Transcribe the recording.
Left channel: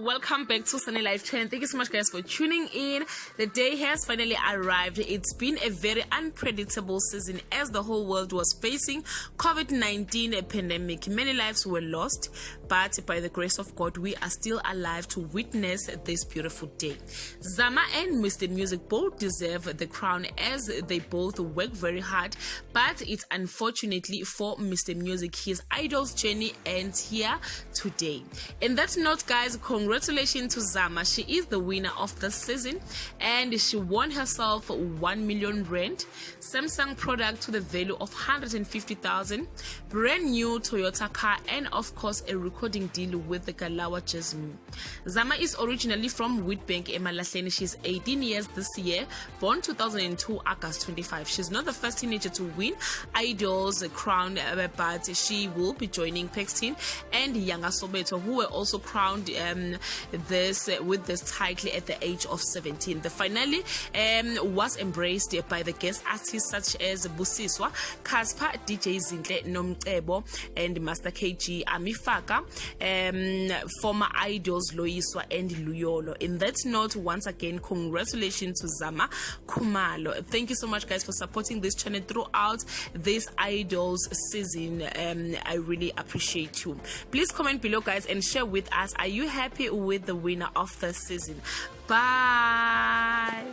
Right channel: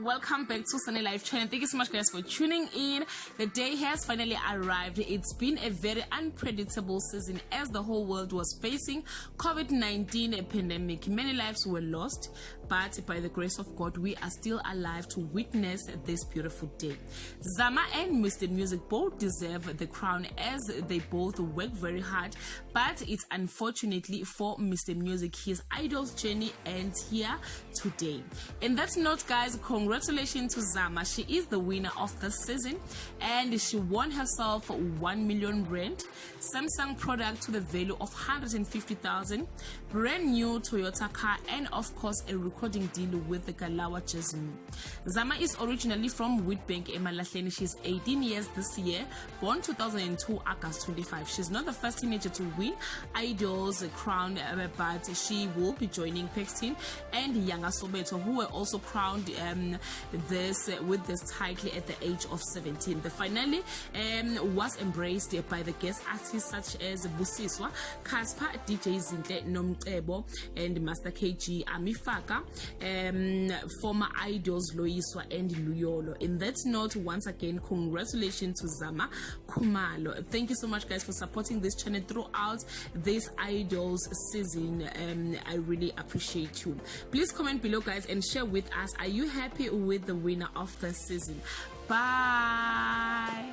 welcome back to Sunny Life channel. Thank you so much, guys, for tuning in. The day has finally arrived. It's been a very unpredictable season as the whole world was facing COVID-19 pandemic. Many lives were lost, but by the grace of God, we are still alive to witness this beautiful day. Zama and Mr. Music both deserve the crown as they both work very hard, but it's unfortunately for Mr. Music, his idol's journey ends here today. In that note, guys, congratulations to Zama. She is the winner of the season and she won herself 1 million rand, Samsung product to the value of 150,000, brand new Toyota car, and of course a recording deal with the Galawa Jasmine. Zama is originally from Witbank, Emalahleni. She's 18 years this year, born 2002 August 25. She's not the first teenager to win Idol's crown, but she will be joining Paxton and Yanga Sobeto, who were also crowned with this title at the age of 17. The finale was embraced by the guest artists such as Busiswa, Casper, DJ Zinhle Nomcebo, and Master KG Amifaka, former idols Loiswa and Luyolo. In that note, once again, congratulations to Zama Khumalo. Thank you so much, guys, for supporting this channel throughout this idols season. I really appreciate you. Please comment below, guys, and share with us, are you happy with the winner of the season? Bye.